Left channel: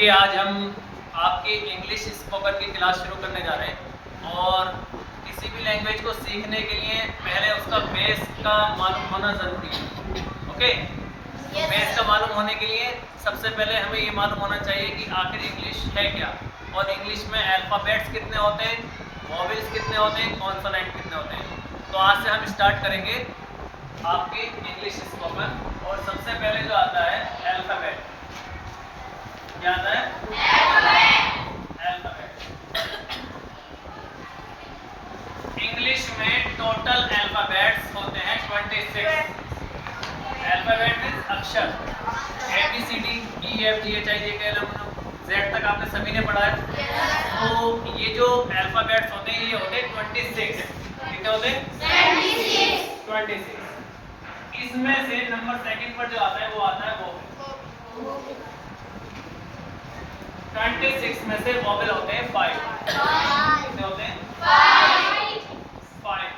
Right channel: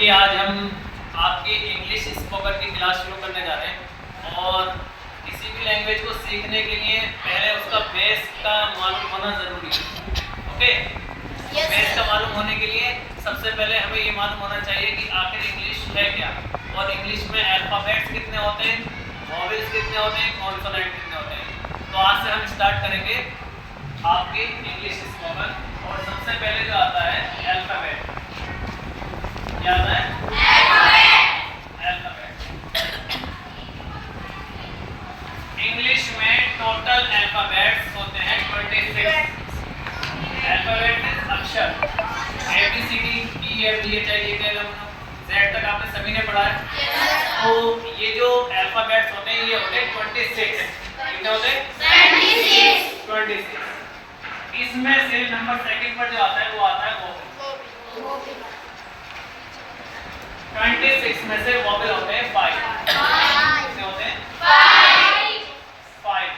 देखिए आज हम आपकी इंग्लिश स्पोकन की क्लास शुरू करने जा रहे हैं और किसी भी लैंग्वेज को सीखने के लिए पहले उसका बेस का मालूम होना ज़रूरी है। ओके, बेस का मालूम होने के लिए सबसे पहले हमें ये मालूम होना चाहिए कि आखिर इंग्लिश है क्या और इंग्लिश में अल्फ़ाबेट्स कितने होते हैं, वॉवेल्स कितने होते हैं, कॉन्सोनेंट कितने होते हैं। तो आज से हम स्टार्ट करेंगे आपकी इंग्लिश स्पोकन और सबसे पहले जो आता है अल्फ़ाबेट। क्या आता है? अल्फ़ाबेट। इंग्लिश में टोटल अल्फ़ाबेट्स होते हैं 26। अल्फ़ाबेट मींस अक्षर, ABCD EFGHIJKL Z तक आपने सभी ने पढ़ा है। तो ये जो अल्फ़ाबेट्स होते हैं ये होते हैं 26। कितने होते हैं? 26। इसमें से नंबर सेकंड पर जो आता है वो आता है वोवेल। 26 में से वोवेल होते हैं 5। कितने होते हैं? 5।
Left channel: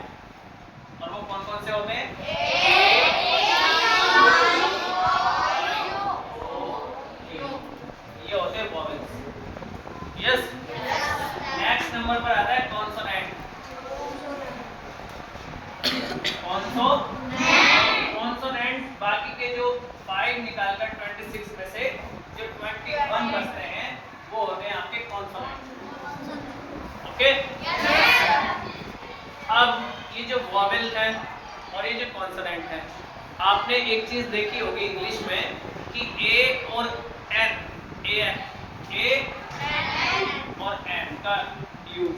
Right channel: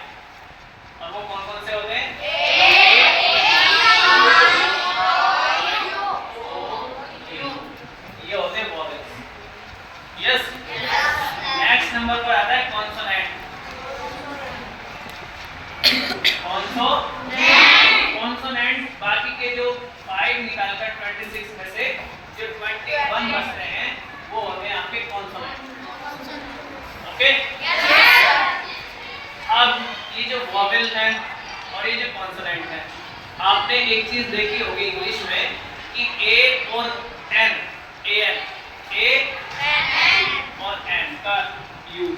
और वो कौन कौन से होते हैं? ये होते हैं वोवेल्स। यस। नेक्स्ट नंबर पर आता है कॉन्सोनेंट। कॉन्सोनेंट बाकी के जो 5 निकालकर 26 में से जो 21 बचते हैं वो होते हैं आपके कॉन्सोनेंट। ओके, अब ये जो वोवेल है और ये जो कॉन्सोनेंट है, आपने एक चीज देखी होगी इंग्लिश में कि ए और एन, ए और एन का यूज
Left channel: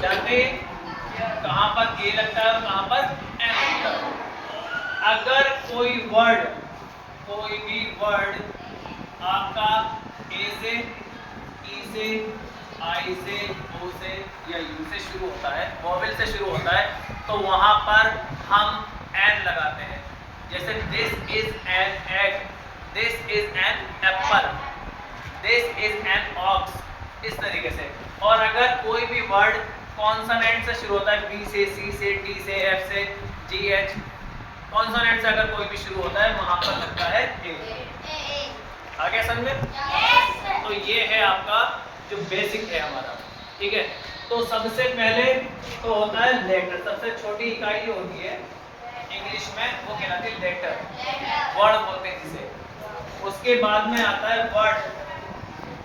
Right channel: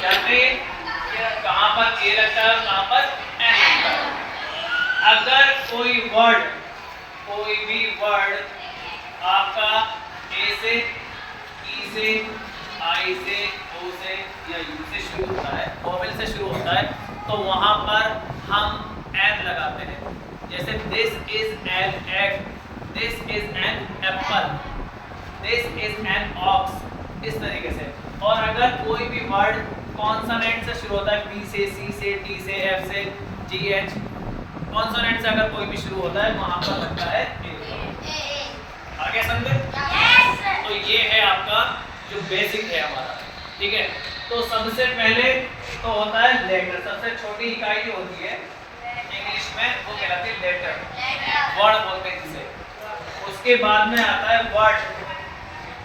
जानते हैं कहां पर ए लगता है और कहां पर एन लगता है। अगर कोई भी वर्ड आपका ए से, ई से, आई से, ओ से या यू से शुरू होता है, वोवेल से शुरू होता है, तो वहां पर हम एन लगाते हैं। जैसे this is an egg, this is an apple, this is an ox, इस तरीके से। और अगर कोई भी वर्ड कॉन्सोनेंट से शुरू होता है, बी से, सी से, टी से, एफ से, जी एच, कॉन्सोनेंट से अगर कोई भी शुरू होता है वहां पर लगता है ए। आगे समझे? तो ये है आपका जो बेसिक है हमारा, ठीक है। तो सबसे पहले तो होता है लेटर, सबसे छोटी इकाई जो होती है इंग्लिश में वो कहलाती है लेटर, वर्ड बोलते हैं जिसे। उसके बाद में आता है वर्ड,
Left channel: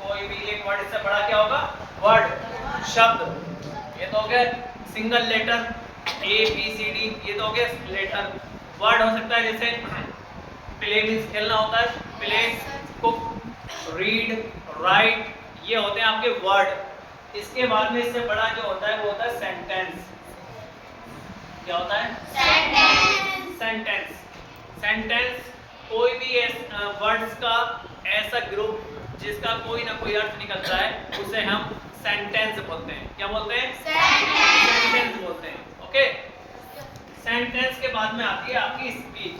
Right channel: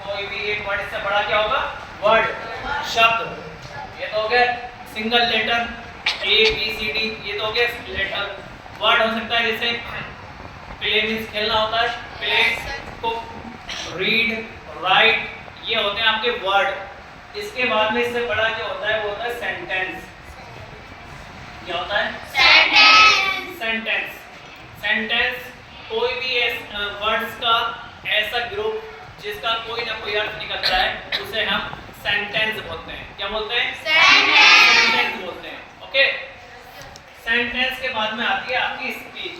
कोई भी एक वर्ड इससे बड़ा क्या होगा? वर्ड, शब्द। ये तो हो गया सिंगल लेटर, ABCD, ये तो हो गया लेटर। वर्ड हो सकता है जैसे प्ले मींस खेलना होता है, प्ले, कुक, रीड, राइट, ये होते हैं आपके वर्ड। इसके बाद में इससे बड़ा जो होता है वो होता है सेंटेंस। क्या होता है? सेंटेंस कोई भी वर्ड्स का ऐसा ग्रुप जिसका कोई ना कोई अर्थ निकलता है उसे हम सेंटेंस बोलते हैं। क्या बोलते हैं? सेंटेंस बोलते हैं। ओके, सेंटेंस के बाद में आती है आपकी स्पीच।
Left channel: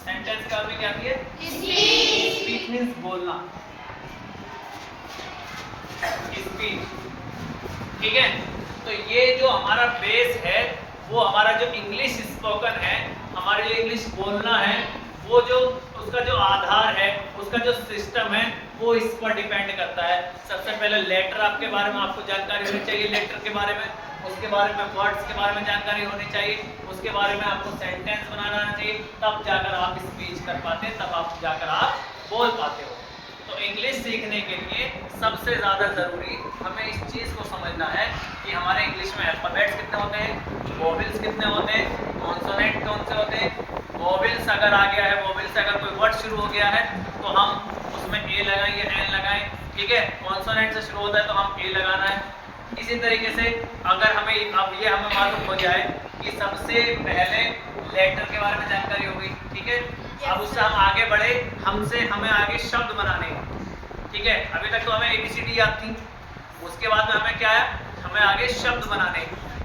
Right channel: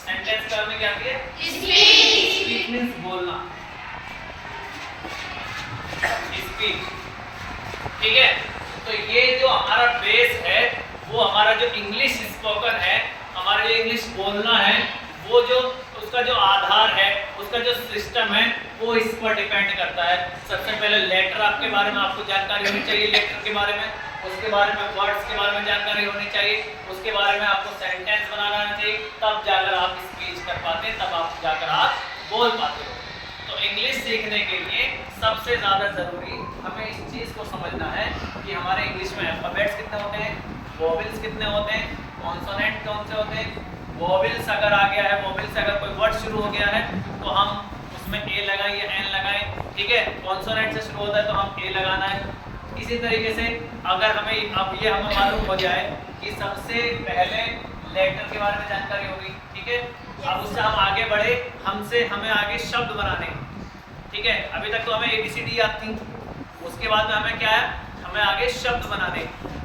सेंटेंस के बाद में क्या आती है? स्पीच मींस बोलना, स्पीच, ठीक है। तो ये जो हमारा बेस है वो हमारा जो इंग्लिश स्पोकन है, हमारा जो इंग्लिश बोलना है, वो जो उसका जो आधार है, उसका जो सिस्टम है वो इस पर डिपेंड करता है। सबसे पहले लेटर आपके बारे में आपको जानकारी होनी चाहिए, लेटर के बारे में, उसके बारे में वर्ड्स के बारे में जानकारी होनी चाहिए, उसके बारे में आपको सेंटेंस बनाना आना चाहिए, तब जाकर आप स्पीच कर पाते हैं, तब आप जाकर आप बोल पाते हो। तो इंग्लिश सीखने के लिए सबसे ज़्यादा ज़रूरी हमें इस चीज़ को समझना है कि हमारे इंग्लिश में अल्फ़ाबेट्स कितने होते हैं, वोवेल्स कितने होते हैं, कॉन्सोनेंट कौन से होते हैं। वोवेल्स अगर आ गया है, वोवेल से अगर कोई वर्ड शुरू हो गया है तो हम उसमें ए लगाएं या एन लगाएं, ठीक है। कॉन्सोनेंट से शुरू होता है तो हम ए लगाना है। इसी तरीके से अगर हमें अब ये हमें मालूम हो जाए कि सबसे पहले लेटर के बारे में जानकारी हो गई, ठीक है। अब उससे हम आगे बढ़े, हमें आगे शब्द बनाने हैं, ठीक है। अभी तक तो हमें ABCD याद थी, उसके बाद में हमें क्या है? हमें आगे शब्द बनाने।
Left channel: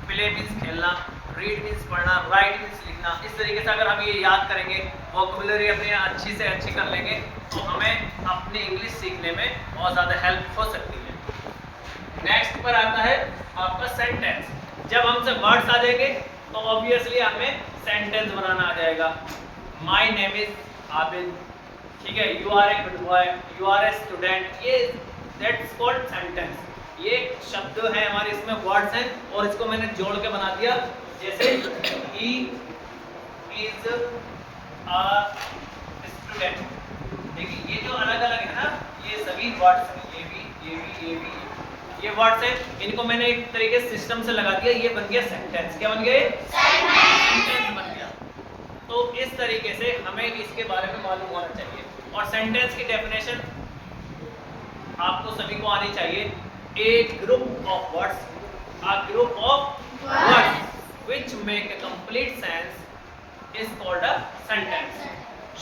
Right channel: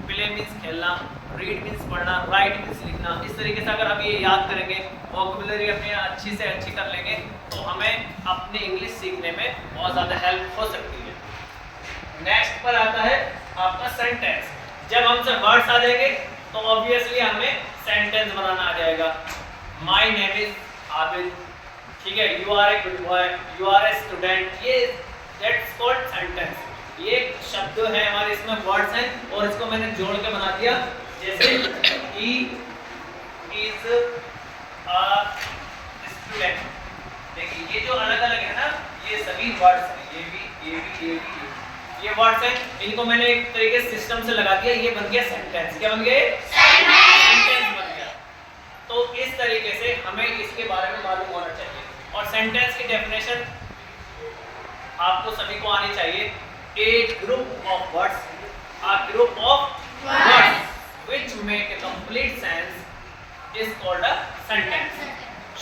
प्ले मीन्स खेलना, रीड मीन्स पढ़ना, राइट मीन्स लिखना। इस तरीके से अगर हम ये याद करेंगे, वोकैबुलरी अपनी अच्छी से अच्छी कर लेंगे, तो हमें अपनी इंग्लिश सीखने में बहुत ज़्यादा हेल्प हो सकती है। नेक्स्ट पर आता है आपका सेंटेंस। जब हमसे वर्ड्स आ जाएंगे तो ऑब्वियसली हमें सेंटेंस बनाना आ जाएगा। माई नेम इज आबिद, ठीक है, you are a good boy, you are a student, ये दैट्स कॉल्ड सेंटेंस। ये शब्द है हमारे, इसमें वर्ड्स हैं और इसको मैंने जोड़ के बना दिया। जैसे ही इज अ स्टूडेंट, देखिए ये जो अलग अलग है ना, ये सभी वर्ड्स हैं, ये वर्ड्स हैं, इनको मैंने एक तरीके से सिस्टम से लगा दिया, ये बन गया सेंटेंस। क्या बन गए? सेंटेंस बन गया। तो इस तरीके से हमें इसके बारे में मालूम होना चाहिए। और सेंटेंस की डेफिनेशन आपको सभी को आनी चाहिए। A group of words, a group of words which make a complete sense is called a sentence.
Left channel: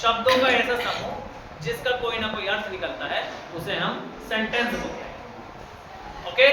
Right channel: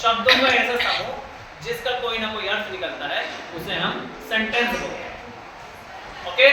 शब्दों का ऐसा समूह जिसका कोई ना कोई अर्थ निकलता है, उसे हम सेंटेंस बोलते हैं। ओके?